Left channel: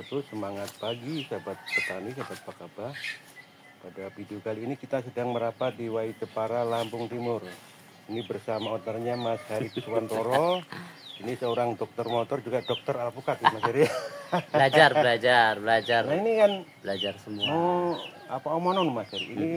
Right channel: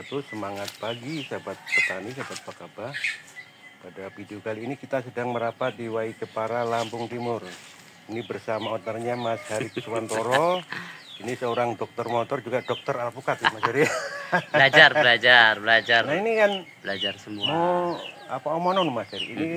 wabarakatuh. Semangat pagi sahabat petani, sahabat Pakaba. Pada video kali ini kita sedang merapat di Wai Jepara, Lampung Timur. Ini bersama ownernya Mas Hari Kuswantoro. Ini seorang dokter motor, juga dokter alpukat ya Mas Hari. belajar. Nah ini kan Belajar semua. apa omonon Mas Hari? Ini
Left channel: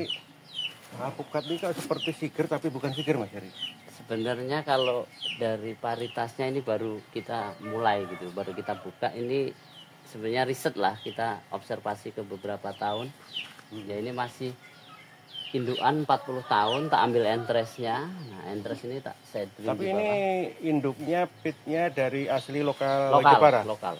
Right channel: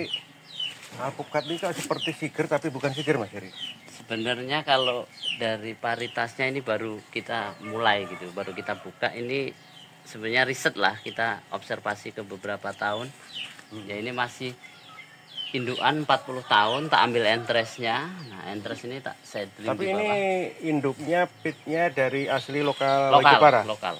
alpukat ini kan seperti siger tapi bukan siger Mas Hari. Sebenarnya kalau dari paritasnya ini baru kita mulai gitu, baru kita buka. Ini sebenarnya riset lah, kita observasi ke beberapa tahun. Ya ini masih indukan 40 tahun, tak ambil entresnya. Nah entres ini tak saya trim Tapi di bawah. ini induknya, pitnya dari asli lokal Lokal.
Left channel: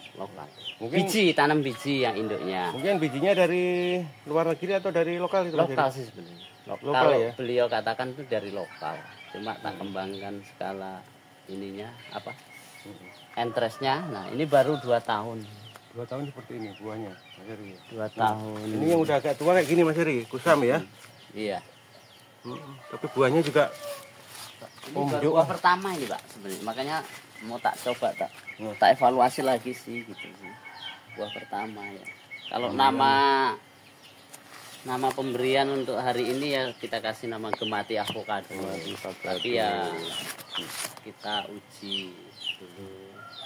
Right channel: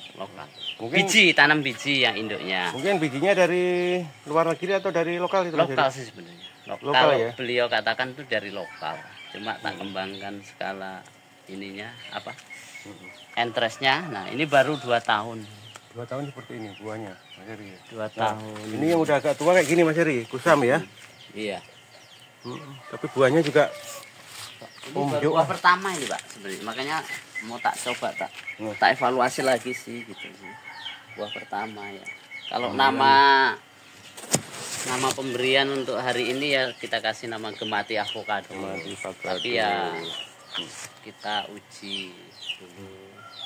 Mungkin, Biji, tanam biji yang induknya. mungkin bijinya dari luar negeri atau dari lokal gitu. Lokal sih sebenarnya. Lokal Kalau ya? beliau katakan itu dari lokal. Cuma tak kembangkan skala ininya apa? Entresnya. Nah, ini baru 2 tahun. 2 tahun seperti ini buahnya Mas Heri. 2 tahun. Ini yang udah agak tua kayak gini Mas Heri, kusam ya. Iya. Tapi buahnya juga Ini baru buah pertama ini, Pak, sebenarnya. Makanya mau tak coba tak evaluasi lagi sih gitu sih. Buah pertama ya. Kalau nama pemberian untuk hari ini ya kita kasih nama Gemati Avocado. Tapi ya kita uji dulu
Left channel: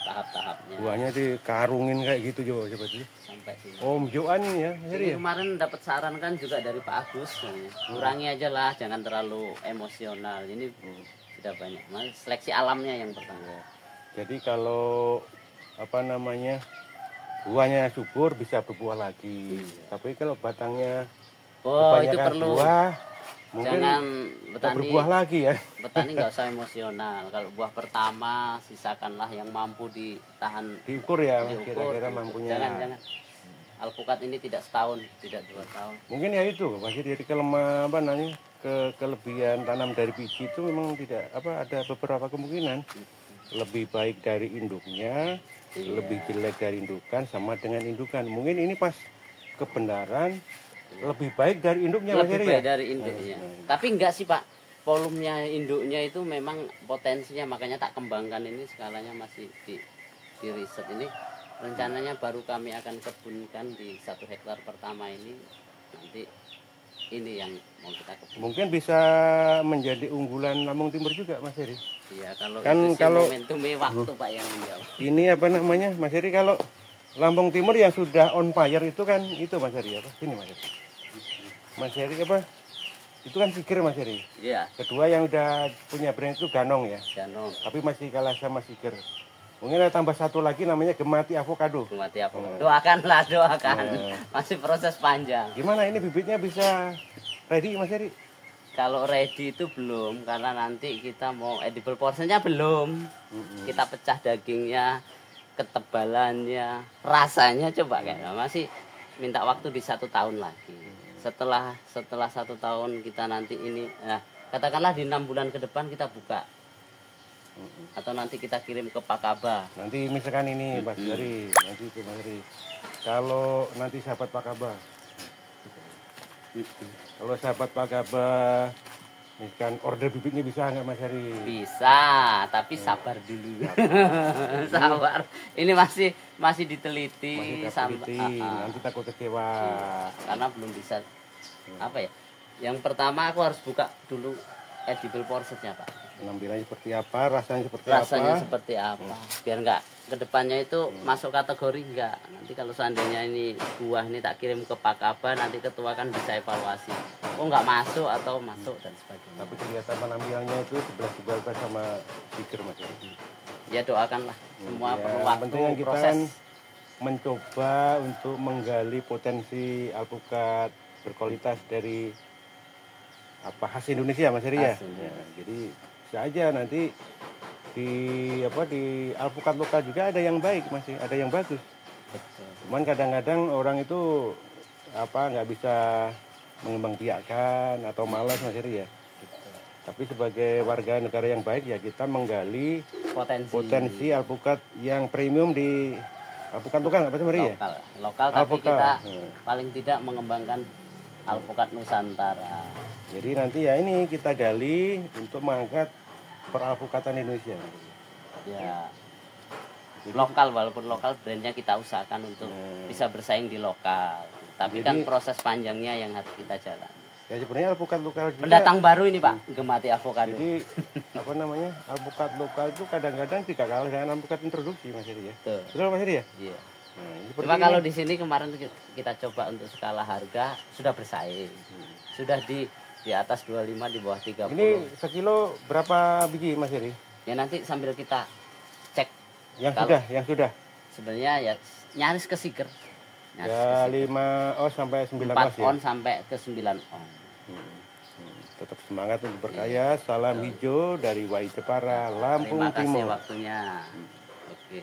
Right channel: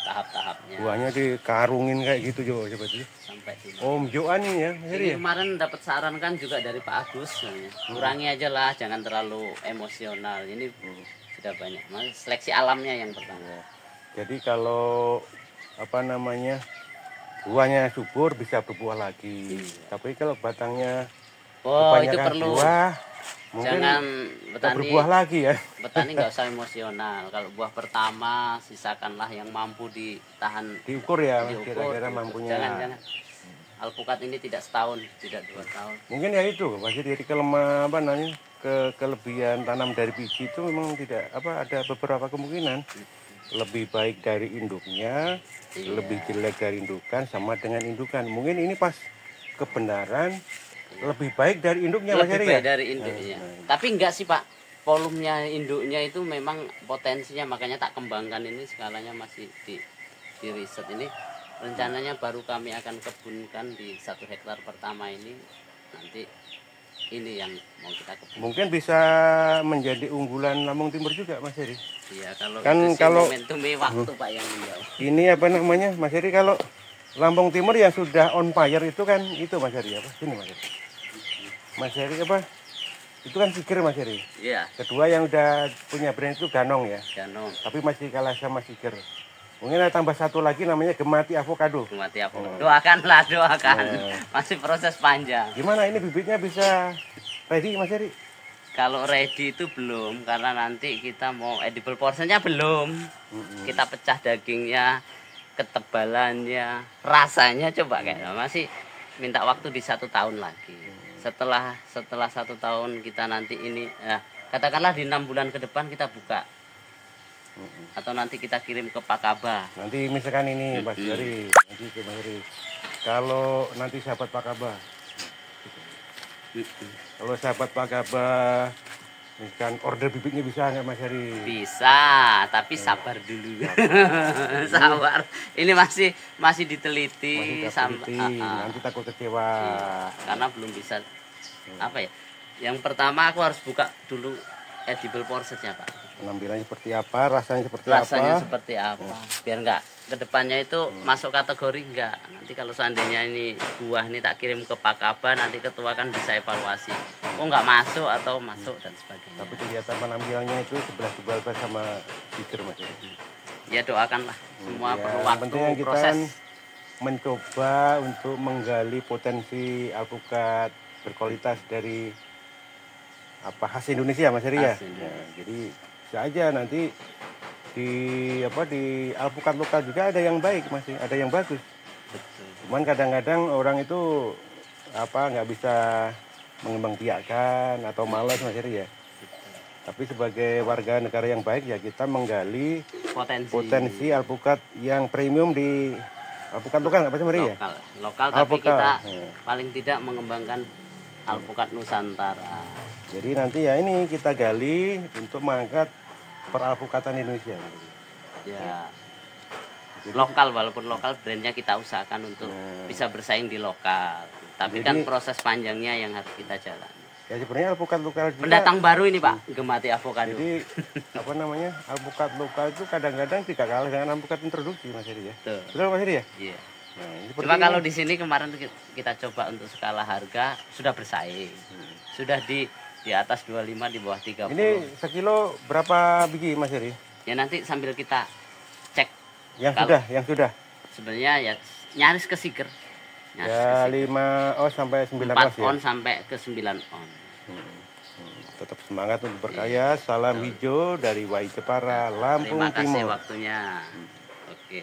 tahap-tahapnya. Buahnya dikarungin kayak gitu coba sih. Sampai sini. Om Joan ini ya Mas Heri. Ini kemarin dapat saran kan juga dari Pak Agus, kurangi aja lah, jangan terlalu emosional. Ini sudah banyak. Mas, seleksi alamnya yang pertama. Jadi kalau apa namanya buahnya subur bisa berbuah lagi. Tapi kalau batangnya Itu kebanyakan perlu. buah, mungkin Jangan tak berbuah lagi ya. petani nggak usah emosional. Kalau buah pertama sisakanlah yang mampu ditahan. Diukur ya, Diukur, kira-kira diukur. mampunya. Jangan. Alpukat ini tidak setahun, tidak 2 tahun. Mungkin ya itu, masih jadi kelebihan tanam dari biji itu memang tidak ada beberapa kemungkinan. Lebih baik dari induknya, lebih jelek dari indukan, sama dengan indukan. Mungkin ini pas kebenaran lebih baik dari induknya Mas Lebih Heri baik ya? dari induknya. Tapi enggak sih Pak, volumenya induknya itu memang potensinya, makanya tak kembangkan ini, skalanya masih di riset ini. Rencananya baru kami akan kebunkan di 1 hektar pertama ini. Nanti ini yang mau kita kebun. Mungkin bisa menjadi unggulan Lampung Timur juga Mas Heri. Iya, kalau Kan itu sih kalau- momentumnya waktu Pak yang menjawab. Ini apa namanya Mas Heri, kalau Lampung Timur yang sudah on fire itu kan itu Mas Heri apa? Sini Mas Heri. Mas Heri apa? Itu kan siger Mas Heri. Iya, Kedua yang udah punya brand itu Ganong ya. Ganong. Tapi masih kalah sama siger. Mungkin ada tambah satu lagi namanya Gemati Avocado. Gemati apa? Doakanlah, doakan. Masih proses panjang. Gimana ini bibitnya bisa ready Mas Heri? Kalau ready itu belum, karena nanti kita mau edible portionnya belum. Kita pecah dagingnya, ketebalannya, rasanya coba kayak masih minta waktu di 1 tahun lagi. Setelah 1 tahun kita nanti ini, katakanlah di 6 bulan ke depan kita buka. Atau nanti kita kirim ke Pakaba. Nanti misalkan ini Mas Heri, nanti ke Mas Heri. Kalau nanti sahabat Pakaba, kalau sahabat Pakaba, misalkan order bibitnya bisa nggak Mas Heri? Bisa, tapi sabar dulu. Sabar. Ini masih diteliti sampai Nanti takut kecewa. karena belum bisa apa ya. Yang pertama aku harus buka dulu edible portionnya Pak. Penampilannya seperti apa, rasanya seperti Rasanya apa? seperti apa? Biar enggak kedepannya itu masuk kategori enggak. Nanti kalau seandainya ini buah ini tak kirim ke Pakaba, nanti ketua kan bisa evaluasi. Oh enggak masuk atau masuk dan sebagainya. Tapi kelihatan penampilannya itu 11-12 sama siger Mas Heri. Ya doakanlah. Semua Ya, perlu yang waktu, penting kita proses. kan mencoba untuk menggali potensi alpukat berkualitas dari khas Indonesia Mas Heri ya. Khas Indonesia. Ya, jadi bisa aja nanti di alpukat lokal juga ada yang baik masih ada yang bagus. Betul. Cuman kadang-kadang orang itu nggak bisa mengembangbiakkan atau malas Mas Heri ya. Tapi sebagai warga negara yang baik ya kita menggali potensi alpukat yang premium di alpukat lokal apa sih Mas Heri ya? Lokal tapi Alpukat. kita Ya. paling tidak mengembangkan alpukat Nusantara. Jadi nanti ya ini kita gali untuk mengangkat peralpukatan Indonesia. Ya lokal, walaupun lokal brandnya kita usahakan untuk bisa bersaing di lokal. Tapi kan proses panjangnya yang harus kita jalani. Ya sebenarnya alpukat lokal juga, pendatang baru ini Pak, gemati avocado. Jadi apa namanya, alpukat lokal itu kadang-kadang tidak kalah dengan alpukat introduksi Mas Heri ya. Betul Mas Heri ya? Iya. Nah, cuma kalau di sini kemarin kita coba untuk skala harga sudah bersaing. Sudah di atas 25, di bawah 30. Ini sekilo berapa biji Mas Heri? Ya nanti sambil kita cek. Yang sudah. Sebenarnya ya nyaris ke siger. Ya 5 on sampai 9 on. 4 on sampai ke 9 on. Tetap semangat untuk berkarya. Salam hijau dari Wai Jepara, Lampung Timur. Terima kasih waktunya. Oke.